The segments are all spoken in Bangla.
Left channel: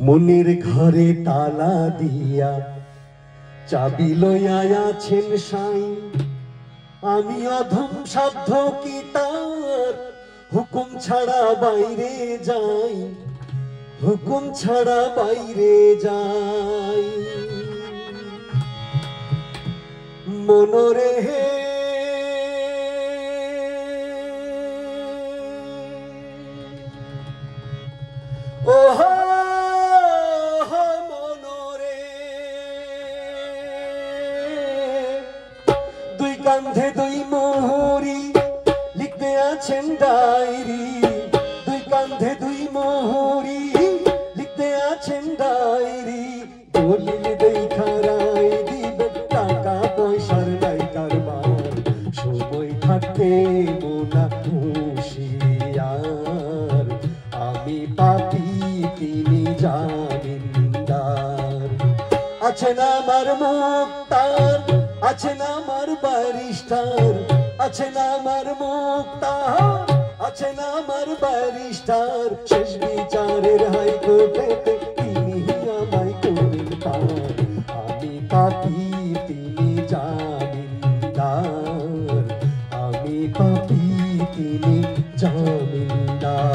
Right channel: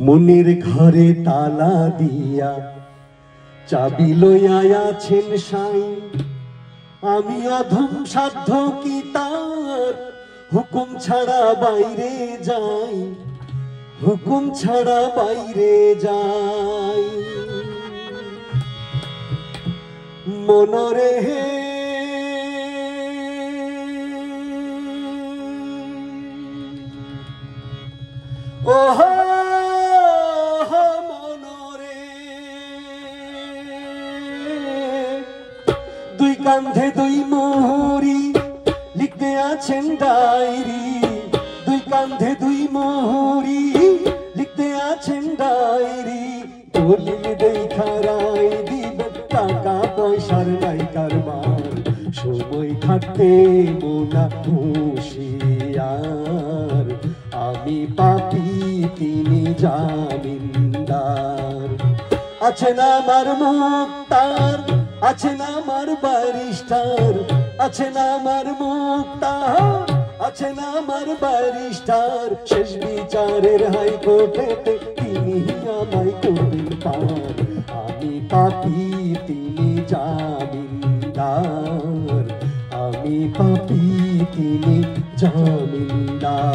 মনির ঘরে তালা দিয়া চাবি লইয়া আছেন সাই। আমি অধম সাধ্য কি তার হুকুম ছাড়া বাইরে যাই, হুকুম ছাড়া বাইরে যাই। মনরে হে ওহা মনরে, দুই কান্ধে দুই মোহরি লিখতে আছেন ডায়েরি, দুই কান্ধে দুই মোহরি লিখতে আছেন ডায়েরি। দলিল দেখা রায় দিবে টাকা পয়সার নাই কারবার, সময় থাকতে মোনা হুঁশিয়ার। আমি পাপী তিনি জামিনদার। আছেন আমার মুক্তার, আছেন আমার ব্যারিস্টার, আছেন আমার মুক্তার, আছেন আমার ব্যারিস্টার। শেষ বিচারের হাইকোর্টেতে তিনি আমায় করবেন পার। আমি পাপী তিনি জামিনদার, আমি পাপী তিনি জামিনদার।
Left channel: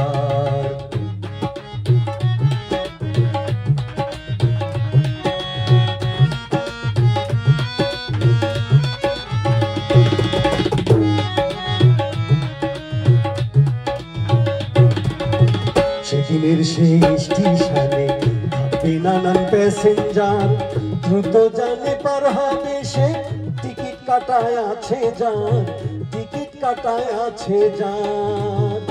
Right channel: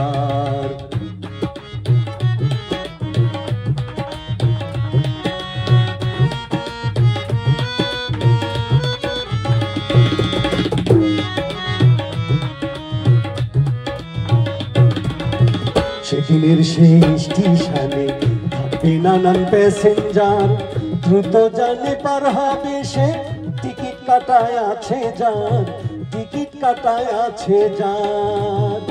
সেদিনের সেই স্টেশনে থাকবে নানান প্যাসেঞ্জার, দ্রুত জানে পার হবে সে, টিকিট কাটায় আছে যার, টিকিট কাটায় আছে যার।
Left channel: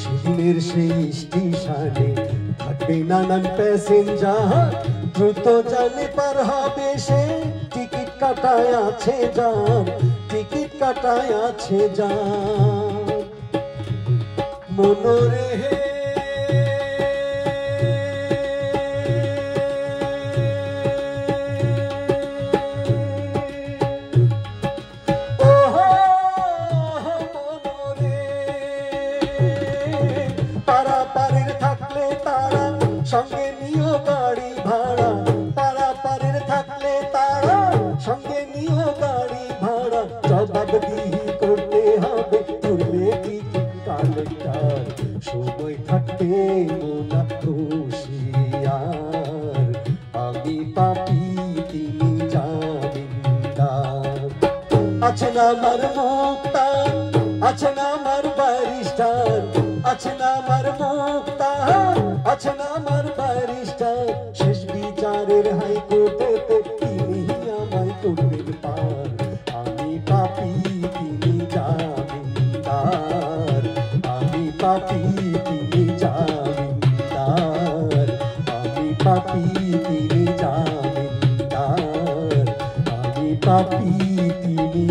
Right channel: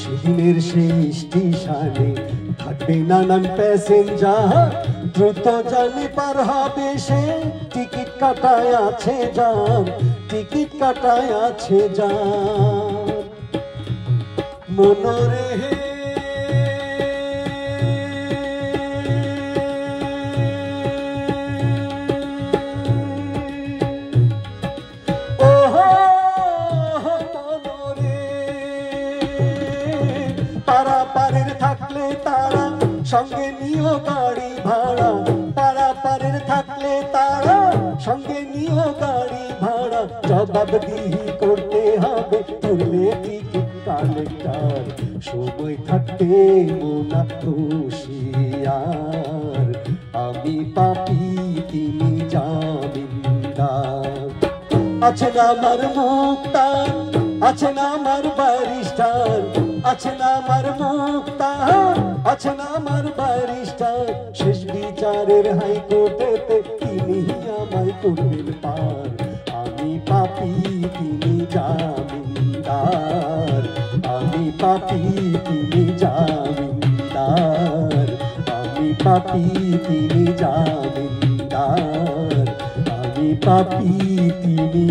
সেদিনের সেই স্টেশনে থাকবে নানান প্যাসেঞ্জার, দ্রুত জানে পার হবে সে, টিকিট কাটায় আছে যার, টিকিট কাটায় আছে যার। মনরে হে ওহো মনরে, পারাপারের থাকলে তারা সঙ্গে নিও গাড়ি ভাড়া, পারাপারের থাকলে তারা সঙ্গে নিও গাড়ি ভাড়া। জবাবদিহি করতে হবে তুললে টিকিট কালেক্টর, সময় থাকতে মোনা হুঁশিয়ার। আমি পাপী তিনি জামিনদার। আছেন আমার মুক্তার, আছেন আমার ব্যারিস্টার, আছেন আমার মুক্তার, আছেন আমার ব্যারিস্টার। শেষ বিচারের হাইকোর্টেতে তিনি আমায় করবেন পার। আমি পাপী তিনি জামিনদার, আমি পাপী তিনি জামিনদার, আমি পাপী তিনি জামিনদার, আমি পাপী তিনি